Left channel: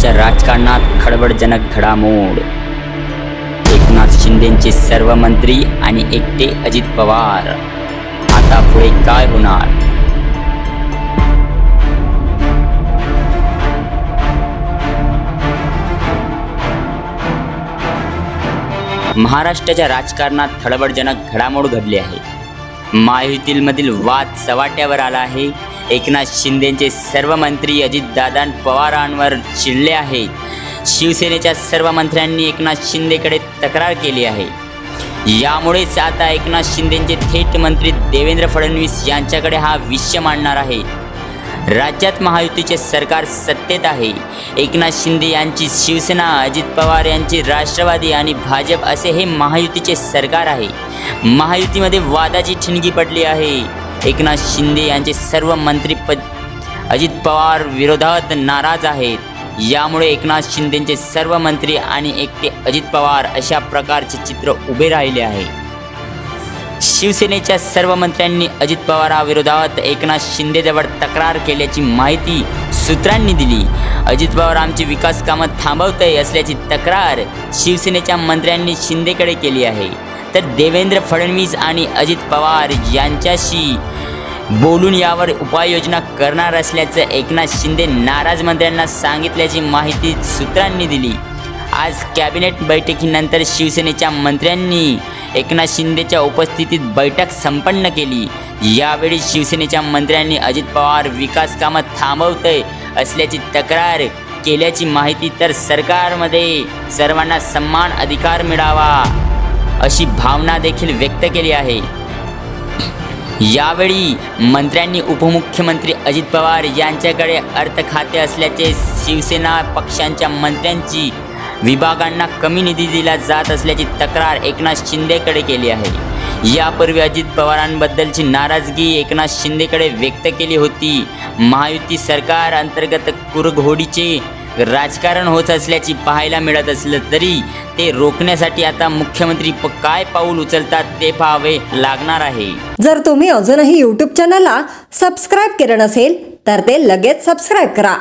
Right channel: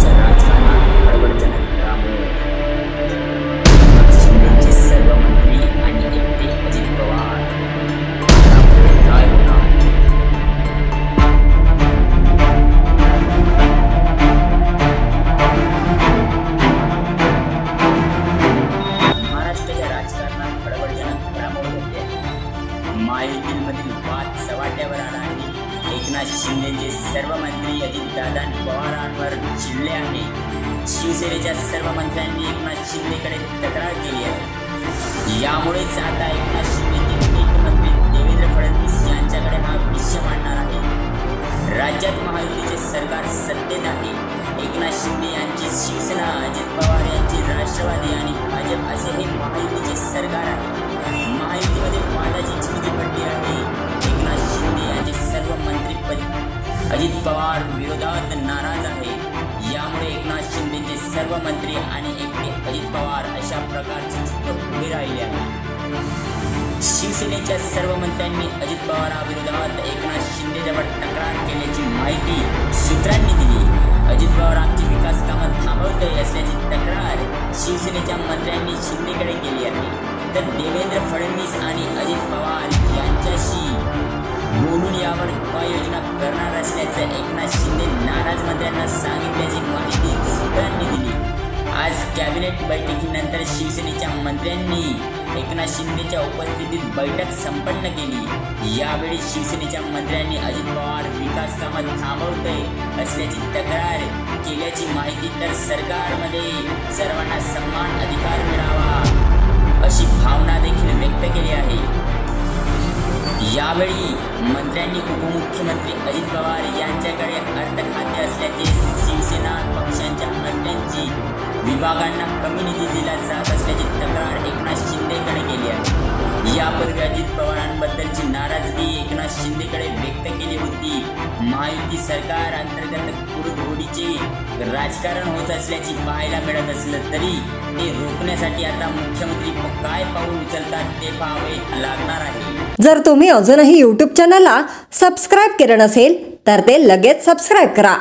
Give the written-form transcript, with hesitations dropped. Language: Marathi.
महाराष्ट्राच्या राजकारणात खळबळजनक घडामोड। एकनाथ शिंदेचे सर्व मंत्री आणि एकटे अजित पवार। आता पुढे काय होणार? महाराष्ट्राच्या राजकारणात खळबळजनक घडामोड घडली आहे। महायुतीमधील वाद चव्हाट्यावर आला आहे। एकनाथ शिंदेचे सर्व मंत्री अजितदादा पवारांवर चिडले आहेत। शिवसेनेच्या सर्व मंत्र्यांनी एकनाथ शिंदेकडे तक्रार केली आहे। यामुळेच आता एकनाथ शिंदेचे थेट मंत्री देवेंद्र फडणवीस यांच्याकडे हा विषय मांडणार आहे। राज्यात महायुतीचे सरकार सत्तेत आहे। एकनाथ शिंदे यांची शिवसेना, अजित पवार यांची राष्ट्रवादी आणि भाजप असे हे महायुतीचे सरकार आहे। महायुतीमध्ये वादाची ठिणगी पडली आहे। एकनाथ शिंदे यांचे सर्व मंत्रीपद अजित पवार विरोधात नाराज आहेत। यामुळे एकनाथ शिंदेचे सर्व मंत्री आणि एकटे अजित पवार अशा प्रकारचे चित्र उभे राहिले आहे। शिवसेनेच्या सर्व मंत्र्यांनी अजित पवारांविरोधात एकनाथ शिंदेजवळ तक्रार केल्याची माहिती सूत्रांनी दिली। अजित पवार आमची विकास कामं थांबवतंय असल्याची तक्रार शिवसेनेच्या मंत्र्यांनी शिंदेकडे केली आहे। तर देवेंद्र फडणवीस आणि अजित पवार यांच्याशी बोलून यावर उपाययोजना करणार असल्याचं एकनाथ शिंदे नाराज मंत्र्यांना सांगितल्याची माहिती सूत्रांनी दिली। आज कॅबिनेट बैठकीनंतर शिवसेनेच्या मंत्र्यांनी एकनाथ शिंदेच्या उपस्थितीत बैठक संपन्न केली। यावेळी शिवसेनेच्या मंत्र्यांनी अजित पवार विकास कामं थांबवतंय असल्याची तक्रार केल्याची माहिती, तर सरकारमध्ये सर्वांना समान अधिकार मिळावा अशी भावना देखील व्यक्त केली आहे। यावेळी मंत्र्यांनी उपमुख्यमंत्री अजित पवार यांच्याकडे अर्थ खाते असल्याचे, शिवसेना पक्षांच्या मंत्र्यांची विभागांना कमी निधी दिला जात असल्याची तक्रार एकनाथ शिंदेकडे केली आहे। यापूर्वी अजित पवारांबद्दलची नाराजगी एकनाथ शिंदेकडे व्यक्त केली होती। महायुती सरकार अंतर्गत कुरघोडीचे राजकारण होत असल्याची पाहायला मिळत असलं तरी ते रोखण्यासाठी आता मुख्यमंत्री काय पाऊल उचलतात ते पाहावे लागणार आहे। जर तुम्ही अजूनही YouTube चॅनलला सबस्क्राईब केलं नसेल तर ते लगेच सबस्क्राईब करा।